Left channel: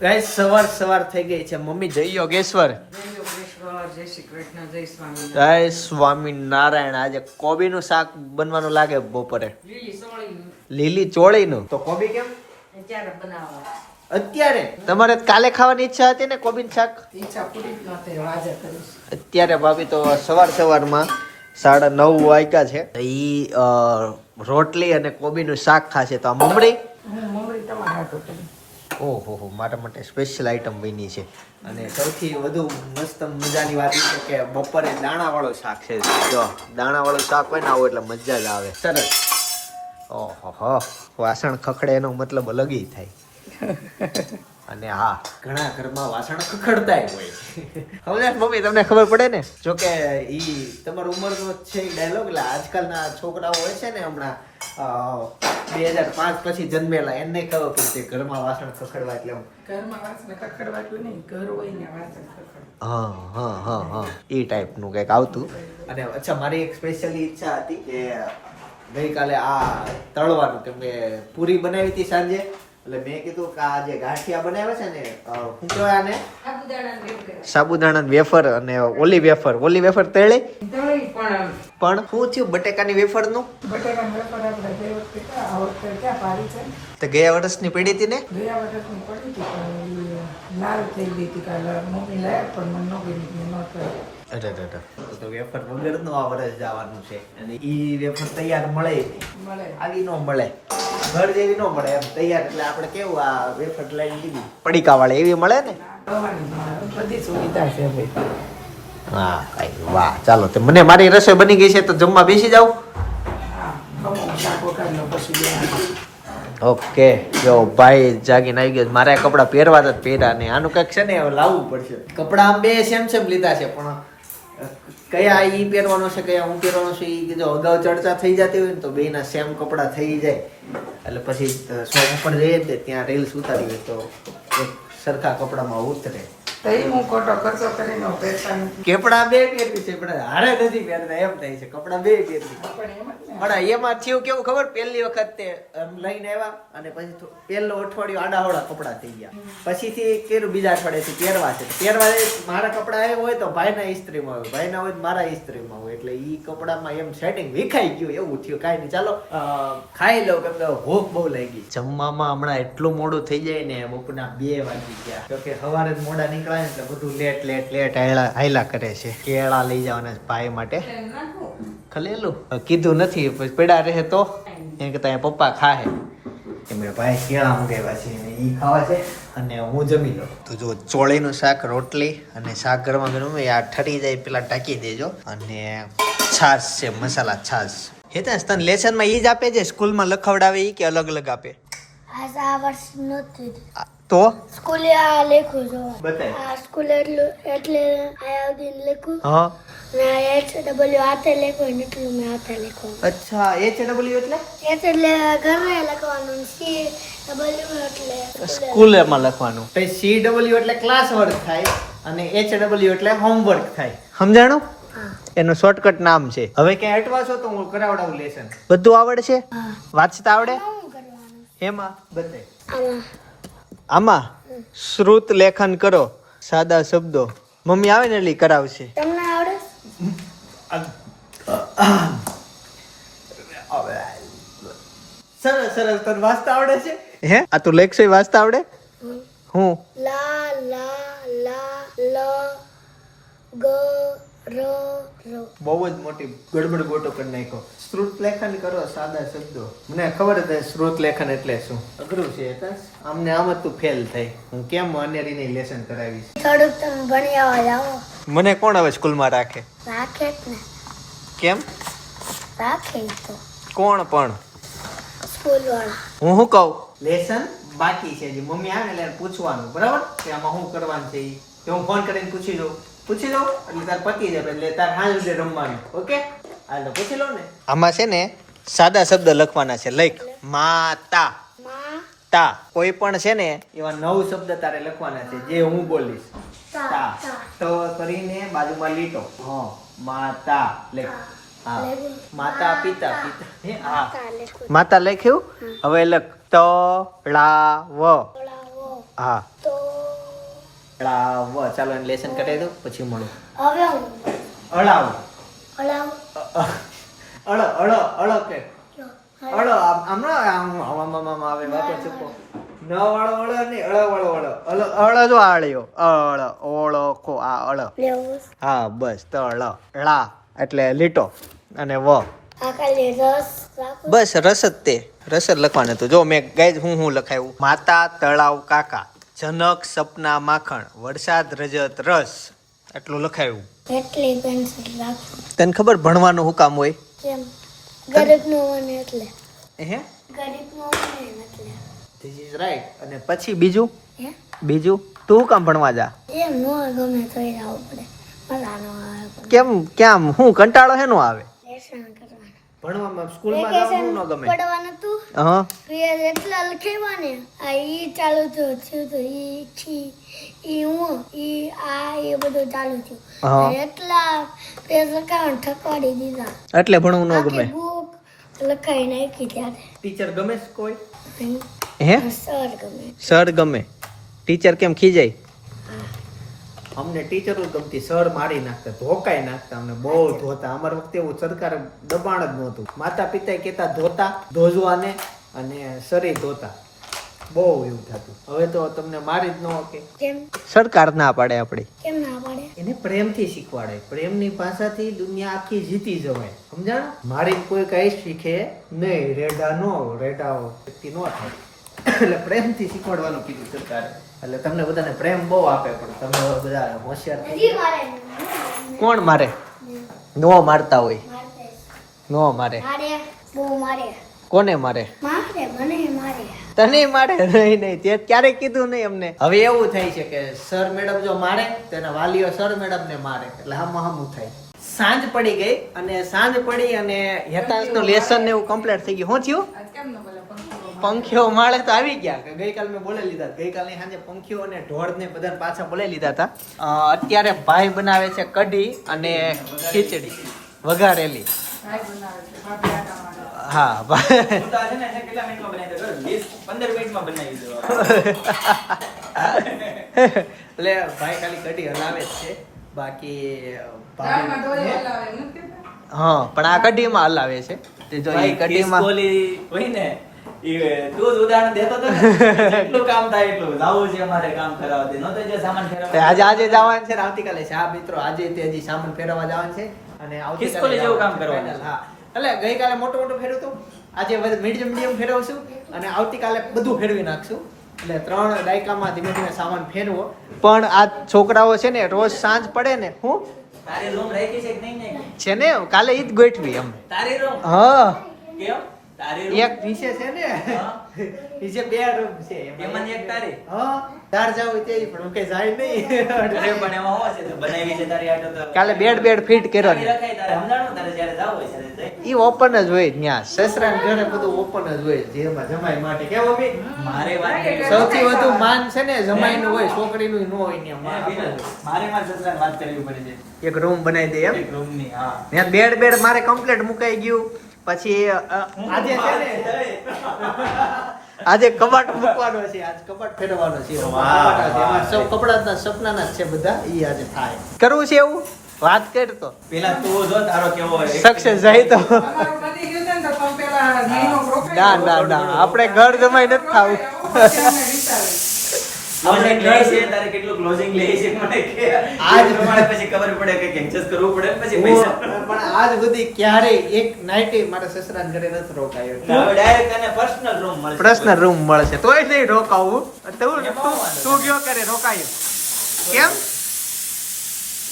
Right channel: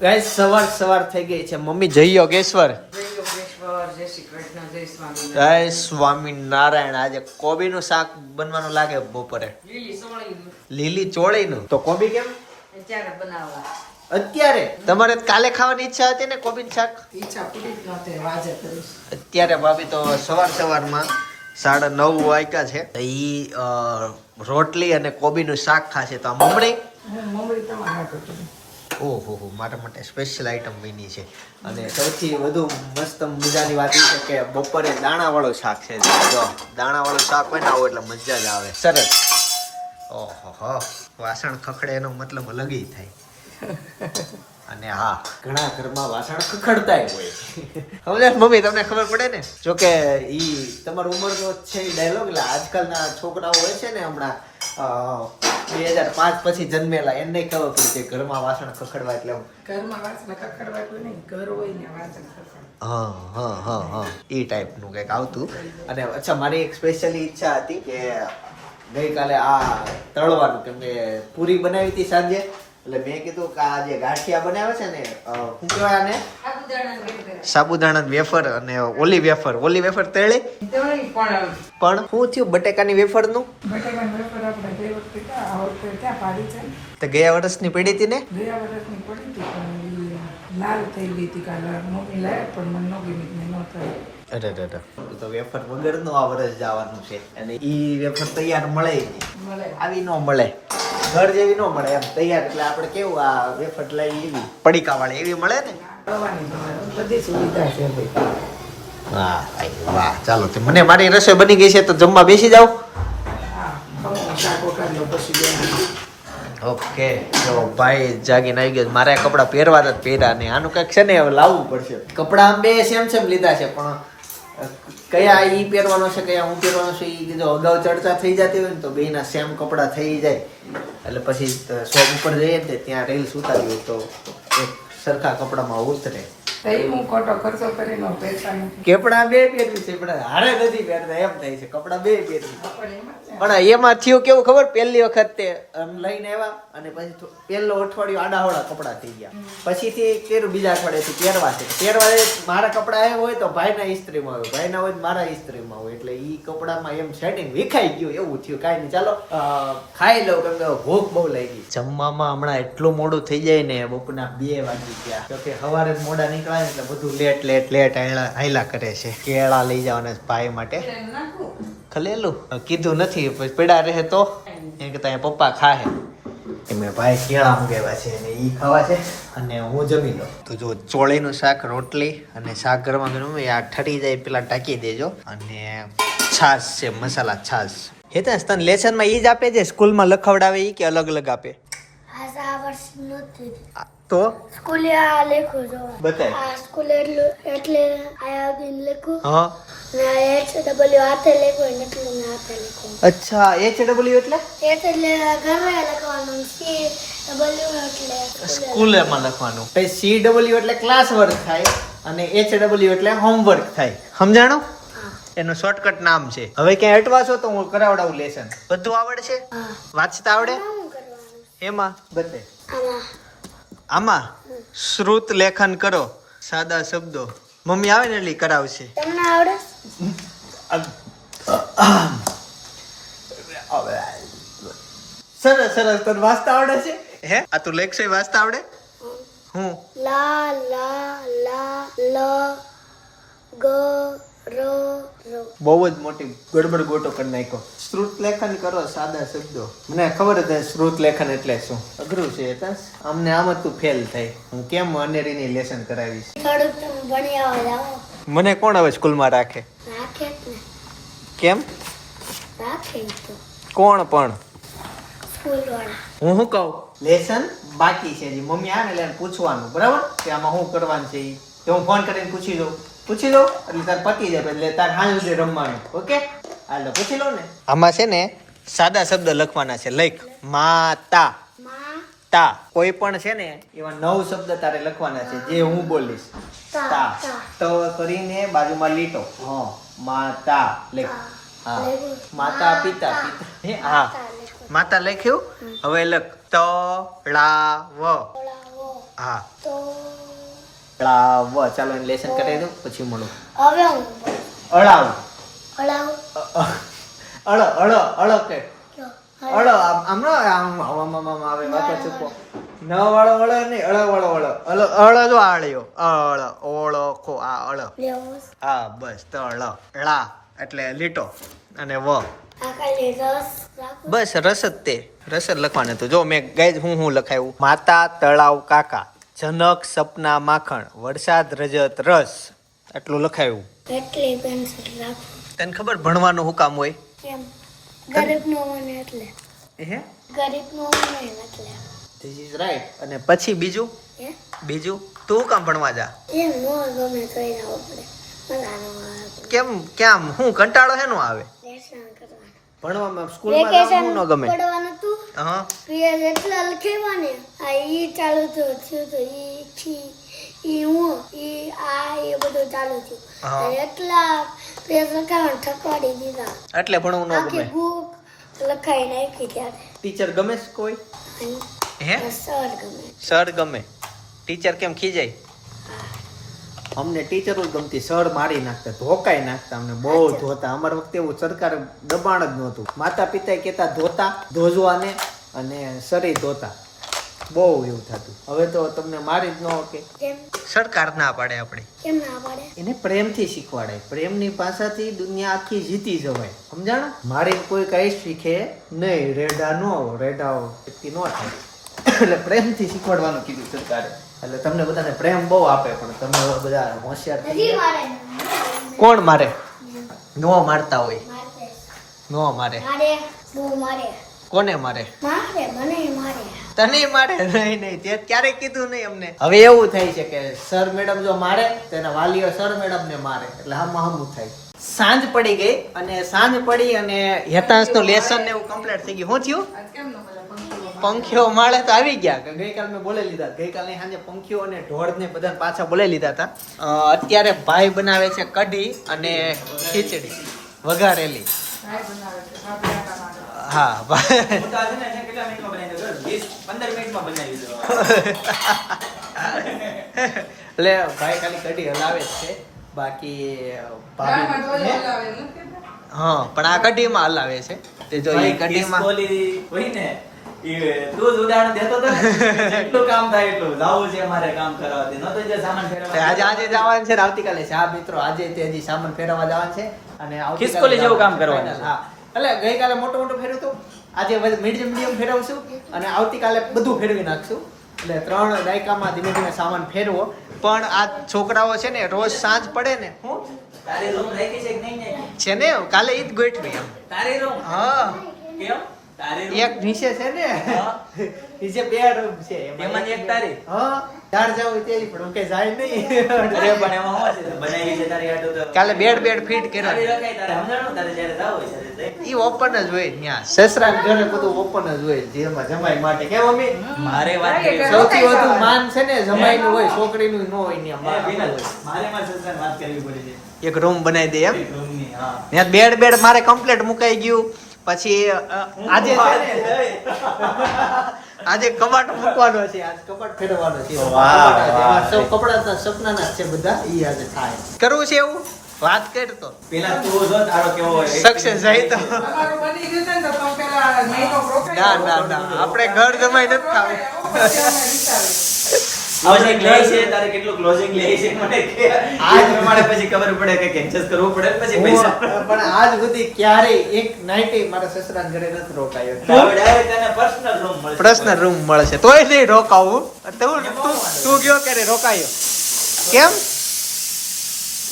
Guys સવાર સવાર થઈ ગઈ છે. મમ્મી જય યોગેશ્વર જય શ્રી કૃષ્ણ જય સ્વામી નારાયણ. આજે કોબીનું શાક બનવાનું લાગે બપોરે. લીલી ચોળી નું ચોળીનું? તો કોબી કેમ? અત્યારે બનાવવા અત્યારે? તમારે કાલે ખાવાની ઈચ્છા હતી ને કોબીનું શાક? ઈચ્છા પૂરી જ નહોતી આજે કરીશ અત્યારે ભાભી તો સવાર સવારમાં સાડા નવ વાગ્યા છે. ઈ રોટલી અને કોબીનું શાક ખાશે. તો આ મમરી? હું તમારા ઓહો હો મારા માટે સ્પેશિયલ આઈટમ બની છે. અને સૌથી વધુ મસ્ત મજાની વાત એ છે કે બપોરે દાણાવાળું શાક છે. જો, દાણાવાળું શાક હોય ને આવું એટલે મજા જ આવે. સરસ. ઓહો, હો, વાસણ ખખડે એનો મતલબ અલગ થાય. અને હા, ઘણા ઘરમાં વાસણ ખખડતાય હોય. હવે મમ્મી? તમને ખબર પડે ને? જો કે ઈ તમારી ઉંમરનો છે ડાયલોગ એટલે આજકાલના છોકરાઓ હોય છે ને હમણાં બે હજાર પાંચ પછી જન્મેલા. એને ખબર પડી કે ઘરમાં વાસણ ખખડવા એટલે ઘરમાં વાસણ કકડવાતું નહીં ઘર હોય ને વાસણ હા હા હા હા. એ ટાઈપનું કંઈક આવતું. અને અચ્છા મારી એક સ્પેશિયલી ઈચ્છા હતી કે ગઈકાલે આ તળવાનું કેમ કે પૂરી બનાવી હતી સાંજે. એટલે મેં કીધું કે આ જે ગાંઠિયા બનાવે છે ને શું કહેવાય આને? સાબુદાણા વેફર. અને ઓલી વેફર. ઓલી વેફર તળી પણ. પણ શું થયું? બટેકાની વેફરનું? બટાકાની વેફર તો ગયા વર્ષની પડી હતી ને? ગયા વર્ષની પડી હતી પણ લાલ થઈ ગઈ હતી કાલે. મમ્મી લાવ્યા પણ મને નો ગમી ન થઈ અરે અરે અરે. તો વેફર વગરનું આ વર્ષ જવાનું છે. અને ઈ વેફર તૈયાર મળે મળે. આવી ન મળે. ઘર જેવી ન મળે એમ તૈયાર. એટલે આપણે કેવું આ વેફર લઈ લીધી પડીકા વાળી એવી મળે ને? બધી સુવિધા છે ભાઈ વાહ ભાઈ વાહ. ચાલો તે મને મારી રસોઈ બની ગઈ છે તો જમવા બેસી જાઓ. ઓકે, જો ભાઈ જાગીને આવી ગયો મારે કપડાં પહેરવા જ પહેર્યા નહીં આનું કંઈક છે ને હવે લાવવું પડશે. કપડાં આમ બે સેમ સેમ લીધા છે, પણ કયા એ પહેરવાનો છે, કયા હું પહેરવાનો છે એ જો અગાઉ ચર્ચા થઈ જતી હોય ને તો બેના સેમ કપડાં થઈ જાય. એટલે પછી શોપ ઉપર જઈએ ને ત્યાં રીલ્સ ઉતારી હોય તો એક સરખા કપડામાં ઉતરે. તો હું ખોટો ખર્ચો કરીને કપડા બે પહેરવી છે પણ હારે નથી પહેરતા એમ થાય છે કપડા બે પહેરવી પણ એમાં થયું કેવું ખબર? પહેલી વખત તે આમ લઈને આવ્યા અને પછી પહેલો અઠવાડિયું આડાહોડા કપડા થઈ ગયા. પછીથી કેરું બીજા અઠવાડિયેથી પહેરવા છે. પહેરવા એ મારા કપડા આવ્યા હોય તો ભાઈના ઇસ્ત્રીમાં હોય ભાઈના હોય મારા ઇસ્ત્રીમાં હોય. એટલે ઈ કપડામાં એમ સેટિંગ વિખાઈ ગયું એવું થયું. કાંઈ નહીં ચાલો ખાઈ લઉં કેમ કે ભૂખ બહુ લાગી જમવામાં હમણાં એટલું મોડું થઈ જાય ને બપોરના બે વાગી ગયા. તો કે સવારે મોડા નીકળાય. ને એટલે બધું લેટ લેટ લેટ હાયલા કરે છે. કેળા લઈ જવાના ભાઈ માટે. ખલેલું. કીધું નથી, પછી પેડા રહે તો? એમ કે ત્યાં પપ્પા ખાહે. એ મેં ભાઈ કેળા મંગાવ્યા છે અને ઈ ખાવા છે અને હું જમી લઉં. તો જો ચોળીનું શાક, રોટલી અને શાક ગરમા ગરમ આ ઠરી જાય, પેલા ટાંકી દેજો. અને છાશ છે, મસાલા છાશ. હેતા તને લેસનમાં એ જ આપે છે? સ્કૂલમાં લખવડાવે ઈ કે અલગ અલગ આપે? આ વર્ષ નહોતું. તો? સ્કૂલે આ લખ્યું જો બતાય. આ સ્કૂલે એટલું એટલે આ આવડીને લખ્યું. હા. ને આ એચ ડબલ્યુ હાથે લેખું એટલું મેં હાથે લખ્યું. અચ્છા એચ ડબલ્યુ એટલે? એચ એટલે ઘરે લખવાનું સી ડબલ્યુ એટલે સ્કૂલે સ્કૂલમાં લખવાનું. પછી સી ડબલ્યુ એટલે ક્લાસ વર્ક થાય અને એચ ડબલ્યુ એટલે હોમવર્ક થાય. સમજાણું? એનું શોર્ટકટ નામ છે. હવે ક્યાંય અટવા છો તો હું કરાવડાવું લેસન બધું આવડશે? વાંચતા આવડે? એમાં? બધે આમાં. આમાં? શ્રુત લેખન કરો સાદા શબ્દો. મમ્મી આવે ને એટલે કરાવશે. તમને આવડે? સરસ સરસ. તને વાંચતા આવડે છે? હે? આ તું લેખશે વાંચતા આવડે? હું? લા લા લા લ ગ રો બહુ જ મોટી ગડબડ ગોટો કરી નાખ્યો. શ્રુત લેખન કરો સાદા શબ્દો. મને ખબર જ શ્રુત લેખન એટલે શું. અઘરું છે આમને આમ જ તું ફેલ થાય. હું કેમ અનેરીની લેસન કરાવીશ? થોડુંક તમે ભણ્યા જાઓ મને કોણ હવે સ્કૂલમાં રાખે? રાખે ને. કેમ? રાખે તો. કોણ પણ? હું શું કહું? લેસન બાકી છે. જે મમ્મી આવે એટલે પૂછવાનું. બરાબર? કે આમાં શું કરવાનું છે એ તો હું ફોન કરીને પૂછી લઉં. પૂછી લઉં એટલે તાર પતી જાય એટલે તાર સુધી રમવાનું ઓકે? હાલો પૂછી લઉં ને. આમાં છે ને સાદા શબ્દ લખવાના છે લખ. માતા. તા. કોઈ પણ છે ને એવા નવ શબ્દ તારે લખવાના છે જે હું બોલીશ. તા, તા કરીને બાજુમાં લીટો. હા. માતા. લખ. હા. માતા પિતા. પિતા. હે? હા. માતા લખ્યું? હવે લખ. ત ળા વ હા. તો અળાવ ચાલો એને લેસન કરાવી દઉં પછી મળું. અળાવ. અળ અળ અળ કે. અળ આમ આમ ન આમ આમ આમ આમ આવે વાતો ચૂકો. ન. વાળો અળ નહીં અળ વાળો અળ. અળ અળ જો આળ્યો. અળ ઓળખો આ અળ. હા બસ તો અળ ળા એટલે લીટો અને વ. બસ રસ જ તે. રસ જ લખવાનું હતું જો મેં ગાય હું હું લખાયું? માતા તળાવ કાકા. જનક સપના માખણ વરસાદ રજત રસ. એટલું લખાયું. એટલી પેન્સિલ રાખો. તને ખબર ભણવાનું હું કામ હોય? કેમ? ગરીબ નો મને એટલે. હે? ગરીબ નો મને એટલે. ધીસ ઇઝ રાઈટ અને પછી બીજું? બીજું? તું હું કામ ભણવા જા. એમ નો ગમે તો નો આવે પણ કેમ હું કંટાળો હેનો આવે? લેસન કરવાનું ભણવામાં સ્કૂલમાં જવાનું ન ગમે. પડવાનું તું હા. પ્રિય એટલા લખેવા ને આ ઈ ચાલુ તો થયું તો ઈ છી ઈ હું ઈ આ એ બધું ચાલુ થયું. એટલા પેજ લખાવવાનું ઠકવાડી દીધા. એટલે ભણવું ન ગમે. બુક લખાઈ નાખી ત્યારે. ટીચર ગમે કોઈ? હે? સર ગમે. સર ગમે. ટીચર કેમ ખીજાય? અમને ટીચરો જ ગમતી સર મારી નાખતા ધોકાઈ નાખતા અમને બહુ ધોતા. અમારા વખતે એવું સરકાર દબાણ જ નહોતું. માતા પિતા કહેતા ધોતા ધોજવાને. અને સરી ધોતા. બહુ એવું થતું. હવે તો તમને મારી જ ન ઓકે કેમ? સરકાર ના પાડે આપણે. કેમ ના પાડે? એને પ્રેમથી શીખવાડાય. પ્રેમની ભાષાથી દુનિયા આખી જીતી જવાય. સમજાણો? મારી કોઈ કઈ શીખે નહીં. રેડા નો રેડા વ્યક્તિ નો થાય. એટલે પ્રેમથી શીખવાડવાનું કીધું સરકારે. એટલે તમને બધાને પ્રેમ બહુ આપે પણ તમે બધા હોશિયાર કોણ મારે? નો મારતા હોય. નો મારે. મારે બહુ મારે. કોને મારે? મારે મને મારે. તને મારે? નહીં નહીં તે ક્યારેય કીધું નહીં અમને. હવે એવું થાય છે કે સર મેડમ જો મારે તેના વાલીઓ સર મેડમ ને મારે. એટલે હમ હમું થાય. સાંજ પડી ગઈ અને સાંજ પડી અને હેતાંશનું લેસન ને એવું કમ્પ્લીટ થઈ ગયું. શું થયું? પંખીઓ માળે તો આવી ગયા કે ગઈકાલ મેં બોલાવી લીધા. ગઈકાલે સાંજે પંખીઓ અને ઢોળ ને બધા પાછા બોલાવી લીધા હતા. અત્યારે ભાઈ બનાવે છે કઢી અને ખીચડી વઘારેલી. હા ભાઈ. ને એટલે ભાઈ ખાલી કઢી હલાવે છે. બાકી? હા પણ આ કઢીમાં હલાવે છે. તે જો એ કઢીમાં હોય ને ગઈકાલે મોટું મોટું ફેરવ્યું હતું. આજે મીડિયમ મીડિયમ ફેરવશું અને આવતીકાલે બધું ફેરવી નાખશું. એટલે ત્રણ દાયકામાં ધીમે ધીમે સામાન ફેરવો. પણ આ છોકરાઓ છે ને રોજ સાંજ પડે ને હું? છે ને કાલે ઈદ ગોઠવી અમે તારી રૂમ હા. કેમ? એક નીચે છે ને? નીચે બે રૂમ છે. એમાંની એક તારી? હા ચાર જવું તે પણ હું જાય નહીં. અરે પણ એમાં શું છે? બનાવી છે તારી આટો તો. કાલે બેડ બેડ ફિટ ચાવી રખાય તારે સમજાણું? તારે જ્યારે જાવું હોય ત્યારે ઈ ઓપન જ હોય ત્યાં. સસરા ઘરે બધું ઓપન જ હોય. જેમાં જમાઈ માટે. વાત સૌથી વધુ માન છે ને જમાઈ નું હોય છોકરી નું નો હોય ત્યાં માન વિનલ, આપણું હોય. મારે મારા સસરાને વાત કરવી પડે છે. એક રૂમ બનાવી દે એમ. રૂમની હા. ત્યાં બેડ બેડ મારે કમ્પ્લીટ મુકાઈ ગયું. પછી આજે છે ને આજે કબાટ મૂકવાનો છે આજ કબાટ ફેરવવાનો છે. એમાં સૌ કપડાના સપનાના છે બધા ઈ આજે થાય. કરવું છે એવું? વાત કર તો. પેલા તું જો તારો કેવો હોય સક્સેસ જાય તો. ને ના ના ના આપણે ઘર જમાઈ નથી ખાવું. પછી અમે વિચારીએ. Closing લે છે તારે કેટલું closing લે છે મને કે આજ પ્રમાણે પછી ખબર પડે કે cancel કરવું પડે પછી પૈસા. પણ આજ સુધી ક્યારેય એક નાઇટે મારા સસરાના ઘરે નથી રોકાયો. પર્સનલ રૂમ મળશે. તોય નહીં રોકાવું. તું તું તું ગયો ક્યારે? રોકાયો. કેમ?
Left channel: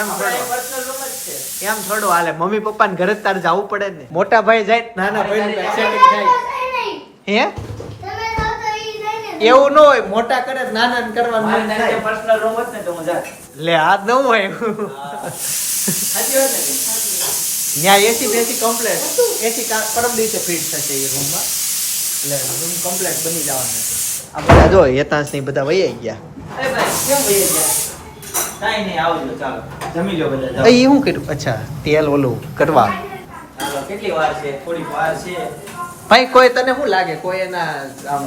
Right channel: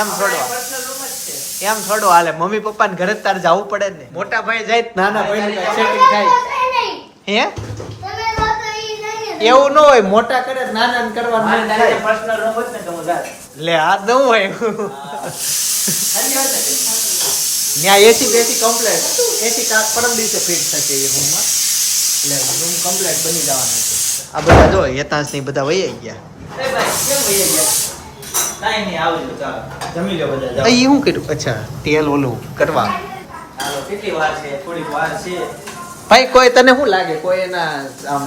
એમ આપણે થોડો. એમ થોડો હાલે. મમ્મી પપ્પા ને ઘરે જ તારે જવું પડે ને. મોટા ભાઈ જાય નાના ભાઈ નું સેટિંગ થાય. હે તમે રહો તો ઈ જાય ને એવું ન હોય મોટા કરે નાના કરવાનું મન થાય. ને તો હું લે આ ન હોય. ન્યા એસી બેસી કમ્પ્લેટ એસી પરમ દિવસે ફિટ થશે એ રૂમમાં એટલે રૂમ કમ્પ્લેટ બની જવાનું છે. આ બધા જો હેતાંશની બધા વહી ગયા. અરે ભાઈ, કેમ વહી ગયા? કાંઈ નહીં, આવજો, ચાલો. જમી લો બધા, એ શું કર્યું? અચ્છા તેલ ઓલું કરવા. કેટલી વાર છે? થોડી વાર છે. ભાઈ કોઈ તને શું લાગે? કોઈ એના આમ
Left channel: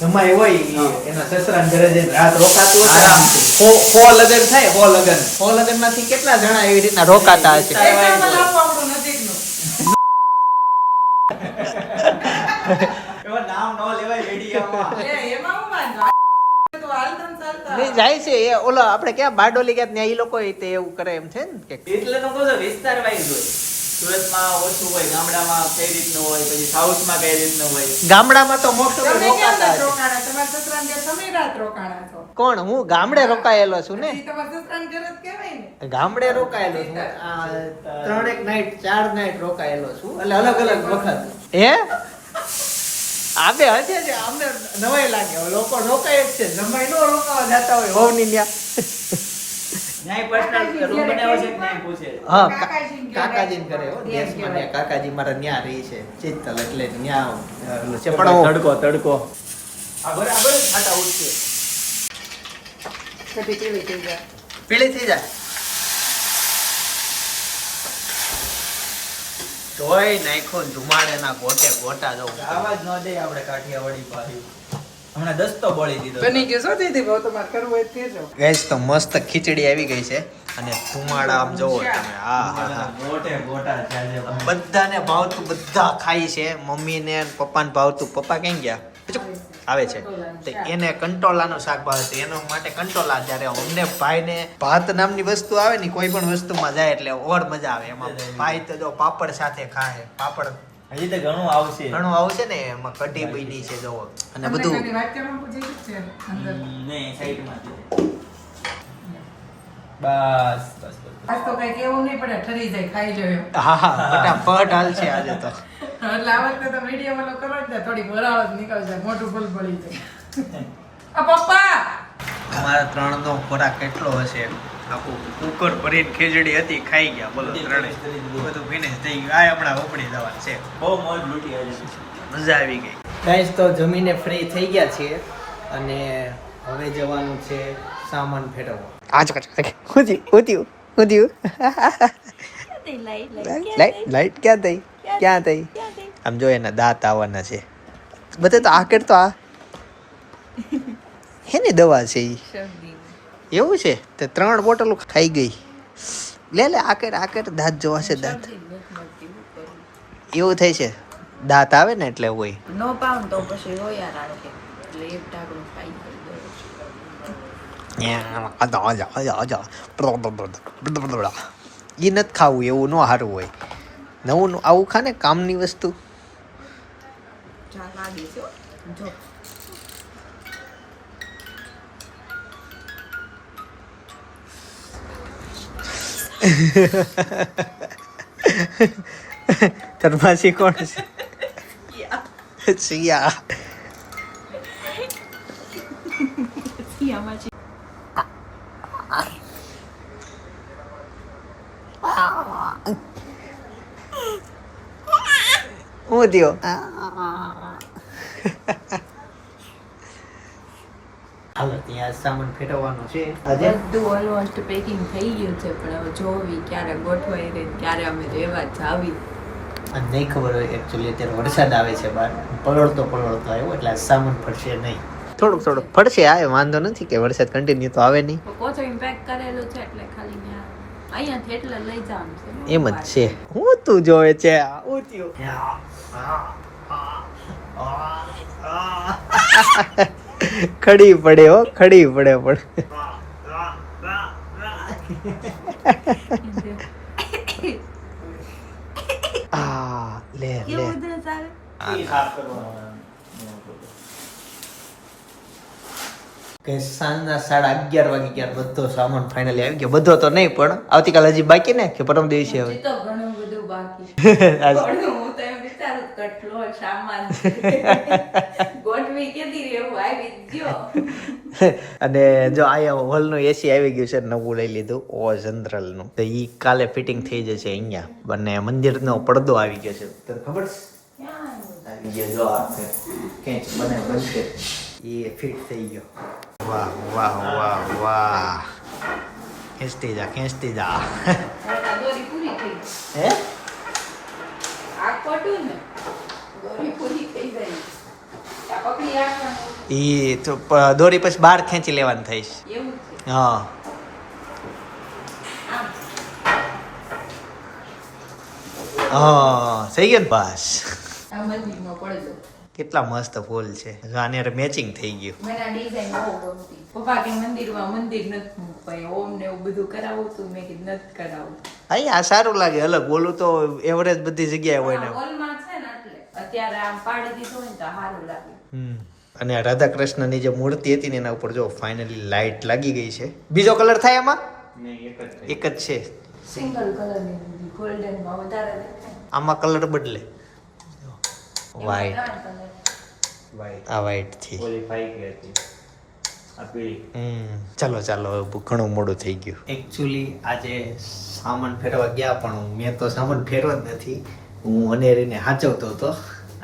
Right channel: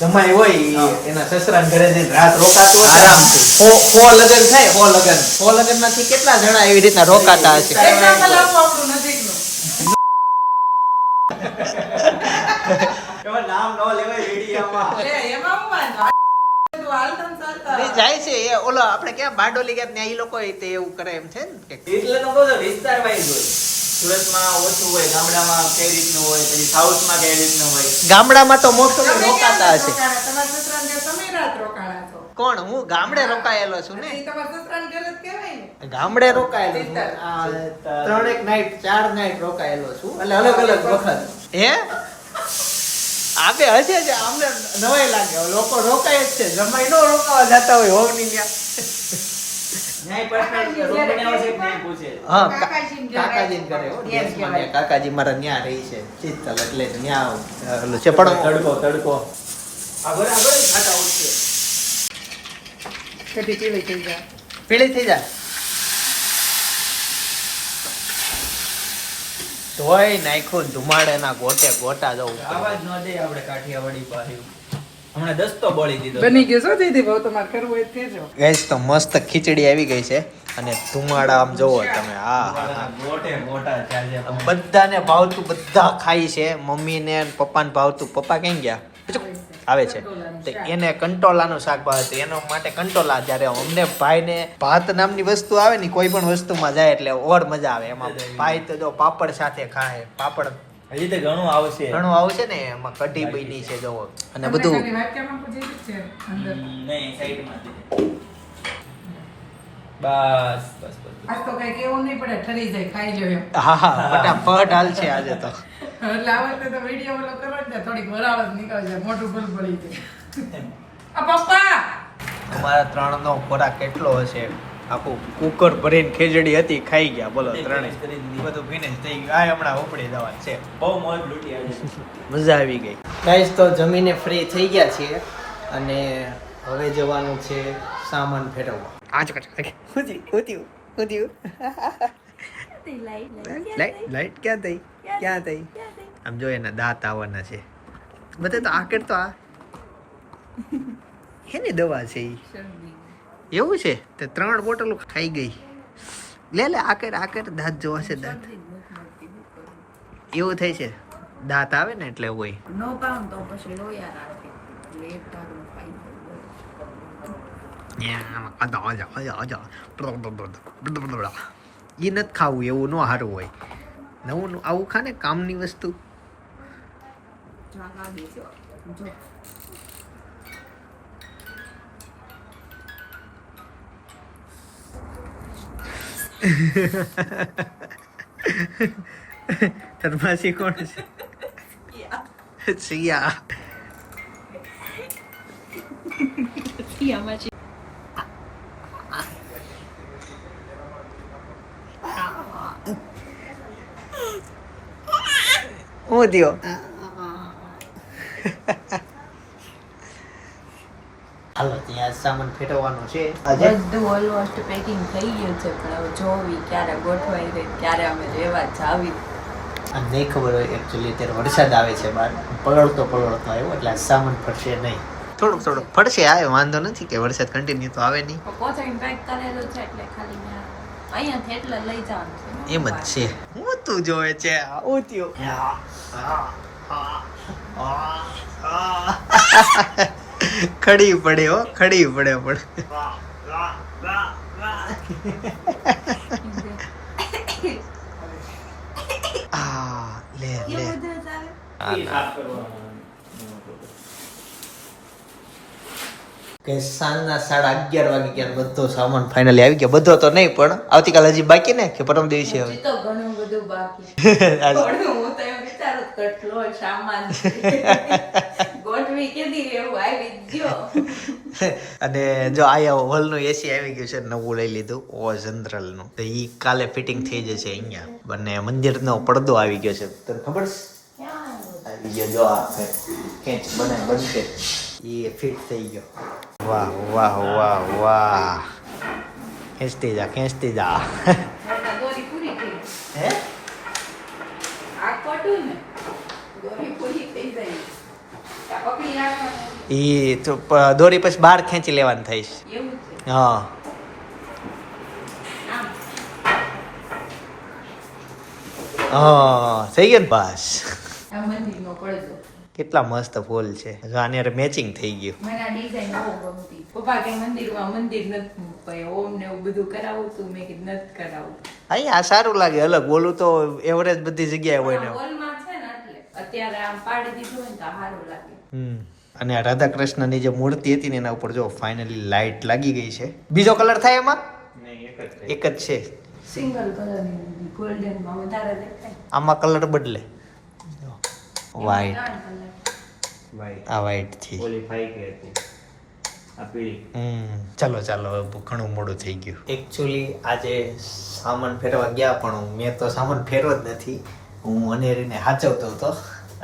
જમાઈ હોય એના સસરા ઘરે જઈને રાત રોકાતું હશે? આરામથી. હો હો લગન થાય હો લગન. હો લગનમાંથી કેટલા જણા એવી રીતના રોકાતા હશે? નામ ન લેવાય રેડિયામાં જાય છે. એ ઓલો આપણે ક્યાં બારડોલી ગયા ત્યાં એ લોકો તે એવું કરે એમ છે ને એટલે તો કહું વિસ્તાર વાઇઝ હોય સુરતમાં ઓછું હોય ગામડામાં કઈ રીતનું હોય પછી સાઉથમાં કઈ રીતનું હોય? ગામડામાં તો મોટો રોકાતા હશે. રોકાણા? તમારા સસરાને ઘેર તમે રાત રોકાણા છો. કોણ? હું ગામડે રોકાયેલો છું ને. ઈ તમારા સસરાને ઘેર જ કહેવાય ને. ગામડે રોકાયેલો છું. આ ત્રણેક નાઈટ ચાર નાઈટ રોકાયેલો છું. એટલે અલગ અલગ વખત. હે? આપે હશે છે અમને નવાય લાગે. લોકો રોકાય જ છે. જમાઈ નો રોકાવા જતા હોય હોવની ન્યા. ન્યાય પર્સનલ રૂમ બનાવ્યો છે કે નહીં પૂછે હા કા- કાકાજીને ઘરે. કાકાજીને કરે હો દેશમાં કહેવાય. કાકાજી મારા ન્યા રહી છે ચિત્તલ એટલે ન્યા ઓલું છે પણ તડકો તડકો. આગળ આગળ ખાટા ઉઠશે કઢી કેવી થઈ જાય. પીળી થઈ જા ધોઈ નાખો ધુમાડે ધુમાડેના ગોટે ગોટા જવું આવાજ ન દે આપણે કાઠિયાવાડી પાસે હમણાં દસ્તો બોલી દીધો બની ગયું શું દીદી બહુ તમારે કરવું હોય તો કહેજો. તો મસ્ત ખીચડી આવી ગઈ છે અને ધુમાડા આમ જોવો તમે. હા હા હા. મોટે મોટા બધાને ભાવતું બધા ખાઈ છે. મમ્મીને ને પપ્પાને ભાવતું. પપ્પા ક્યાં ગયા? આવે છે. તો એને કંટોલાનું શાક ભાવે તો એના માટે કંટોલા જ્યારે અમને ભાઈને ભાત નામની વસ્તુ આવે ને કોઈ પણ વસ્તુમાં જાય એટલે ઓર મજા આવે. એમાં ભાઈ તો જો પાપડ સાથે ખાય. પાપડ હજી તો ઘણું આવશે. ઘણું આવશે ને એમાં કઢી બની છે જોવો અને બધું. નહીં સાઈડમાં બસ બસ બસ તો કઈ કેવું નહીં પડે ઠરી જાય ખાઈ લો હા હા ફટાફટ હાલ છે આજે તો. એટલે આ વખતે તો વીડિયો વાળો કરો જ ને થોડી વરાળ નીકળશે નીકળી મોટું ભૂલ પડી છે આ પપ્પા! અમારા ત્રણ નો ખોરાક કેટલો હશે. આખું કુકર ભરીને ખેજડી હતી ખાઈ ગયા બોલો ત્રણે બધું ફિનિશ થઈ ગયું. આ હમણાં ઉપડી જવા છે. બહુ મોજ લૂંટી આવી મજા આવી ગઈ. ગાઈસ તો જમીને ફ્રી થઈ ગયા છીએ અને હવે જવાનું છે સામાન ફેરવવા. આજ કચ ઉધી ઉધી ઉધી લાઈટ લાઈટ ક્યાં થઈ ક્યાં થઈ આમ જો એના દાંત આવવાના છે. બધે તો આકેર તો આ. હેની દવા છે ઈ? એવું છે? તે ત્રણ બોટલો ખાઈ ગઈ. લે લે આકર આકર દાંત જોવા છે દાંત. એવું થાય છે? દાંત આવે ને એટલે હોય. નો પાઉં તો પછી રોયા રાખે. એટલે એક ખાઈ એ નથી ખાવું એવું ન સારું હોય. નવું આવું ખા ને કામની વસ્તુ. ચા લાગી છે હો. જો તરમાસી કોણ છે સિયા હું થયો હાલો ત્યાં સામાન ફેરવવાનો છે. આજે બધું ઓલમોસ્ટ પેકિંગ થઈ ગયું છે પણ હવે જોવી ક્યારે ગોઠવાઈ રહી ક્યારે અમે રહેવા જાવી. અને નહીં ખબર હોય એકચ્યુઅલી અત્યારે વરસાદ આવે છે બહાર. પલળતો પલળતો આવ્યો એટલે આ સામાન ફરશે નહીં. થોડુંક થોડુંક ફરશે આવે વાંધો નથી કે વરસાદ કન્ટિન્યુ તો આવે નહીં. કોચિંગ પેક કરેલું છે એટલે ખાલી અહીંયાથી એટલે લઈ જવાનું છે એમ જ છે. હું તું જોવે છે થયું. ખડી પડે હો ખડી પડે પણ. આ લે. કે સાંજના સાડા અગિયાર વાગે ક્યાં બધો સામાન ફાઇનલી આવી ગયો. બધો તો નહીં પણ આવતીકાલ હજી બાકી ને કે પરમ દિવસે હવે? તો ઘણું બધું બાકી કેટલો સામાન. ગોઠવી આવી ગયો. અને જો આયા હોલનું એસી આવી ગયું છે નવું લઈ લીધું ઓ જનરલનું તો ઈ કાલે ફિટિંગ થઈ જશે અહીંયા. અને મંદિરનો પડદો આવી ગયો છે. તને ખબર છે? આવી ગયો જો આ ખેંચ બને બનશે. એ ફિટ થઈ ગયો. વાહ વાહ વાહ વાહ. ખેંચતી જા ખેંચતી જા. હે આ કોટું ને દોરી પૂરી આ પકડી રાખવાનું એ તો દોરી પછી બહાર ખેંચી લેવાની થઈશ. છે? હા. હા થઈ ગયો ને પડદો કેટલા મસ્ત ફૂલ છે. આને મેચિંગ થઈ ગયું. મને આ ડિઝાઇન બહુ ગમતી. પપ્પા કે મંદિરમાં મંદિર નથી મૂકવાય ઓમ ને એવું બધું કરાવું તું. મેં કીધું નથી કરાવું. હા આ સારું લાગે અલગ. બોલું તો એવરેજ બધી જગ્યાએ હોય ને. હોલમાં છે ને એટલે. અત્યારે આમ પાડી દીધું ને તો સારું લાગે. અને આ રાધા કૃષ્ણની જે મૂર્તિ હતી ને એના ઉપર જો ફાઇનલી લાઇટ લાગી ગઈ છે. બીજો કલર થાય એમાં? એક જ એક જ છે. સિંગલ કલર ગોલ્ડનમાં વધારે દેખાય. આમાં કલર બદલે. વાઈટ આ વાઈટથી. ચાલો ચાલો ઘણું મોડું થઈ ગયું. એકચ્યુઅલી આજે સામાન ફેરવા ગયા પણ હું- મેં તો સામાન ફેરવો જ નથી. હું અનેરીને સાચવતો હતો.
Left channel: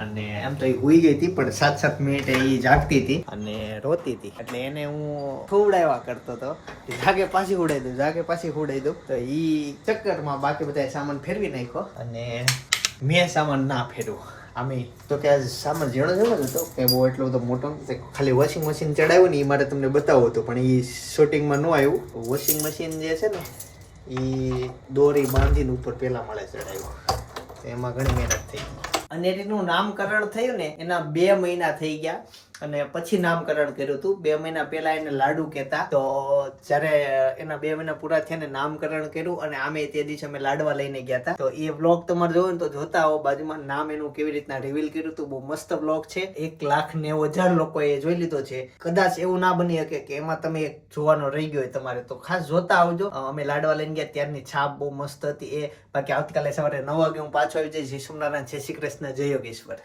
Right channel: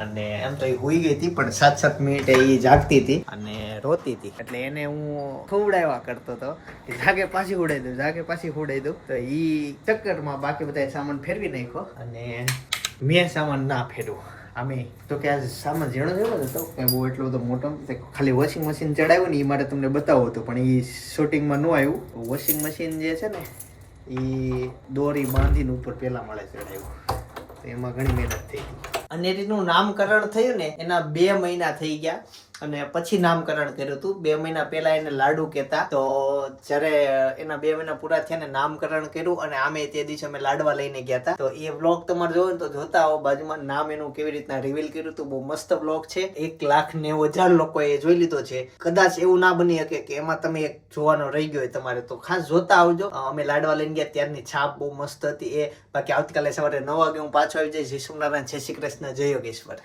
અને એમ તો એ હુઈ ગઈ હતી, પણ સાત સાત મિનિટે એ જાગતી હતી અને રોતી હતી. એટલે એને હું ખવડાવ્યા કરતો હતો. જાગે પાછી ઉડાઈ દઉં, જાગે પાછી ઉડાઈ દઉં. તો એ ચક્કરમાં બાકી બધા સામાન ફેરવી નાખ્યો અને મેં સામાન ના ફેરવો અમે તો કે આ સામાન ઝીણો છે ને હતો. કે બહુ એટલો બધો મોટો. ખાલી વોશિંગ મશીન ચડાવ્યું ને એ માટે તમને બતાવવું હતું, પણ એ શૂટિંગમાં ન આવ્યું. વોશિંગ મશીન જે છે ને એ દોરી બાંધીને ઉપર પહેલાં મળે ચડાવ્યું. તો એમાં ઘણી મહેનત થઈ ગઈ. અને એનું નામકરણ થયું ને એના બે મહિના થઈ ગયા. અને પછી નામકરણ કર્યું હતું. બે મહિના પહેલા એને લાડુ કહેતા. તો જ્યારે એના બે મહિના પૂરા થયા ને નામકરણ કર્યું અને આમે તે દિવસે અમે લાડવા લઈને ગયા હતા. તો એ વ્લોગ તમારે જોવો ને તો જોતા આવો બાજુમાં નામ એનું કેવી રીતના રિવીલ કર્યું હતું. બહુ મસ્ત વ્લોગ છે. એક લાખ નેવું હજાર લોકોએ જોઈ લીધો છે. કદાચ એવું ના બની શકે કે એમાં તમે એક જોવાનો રહી ગયો હોય તમારે. તો ખાસ જોતા આવજો. અમે લાડવા લઈને ગયા ત્યારની છાપ બહુ મસ્ત હતી. એ બાકી આવતીકાલે સવારે નવ વાગે હું પાછો આવી જઈશ. વિષ્ણુનારાયણ જય શ્રી કૃષ્ણ. જય યોગેશ્વર.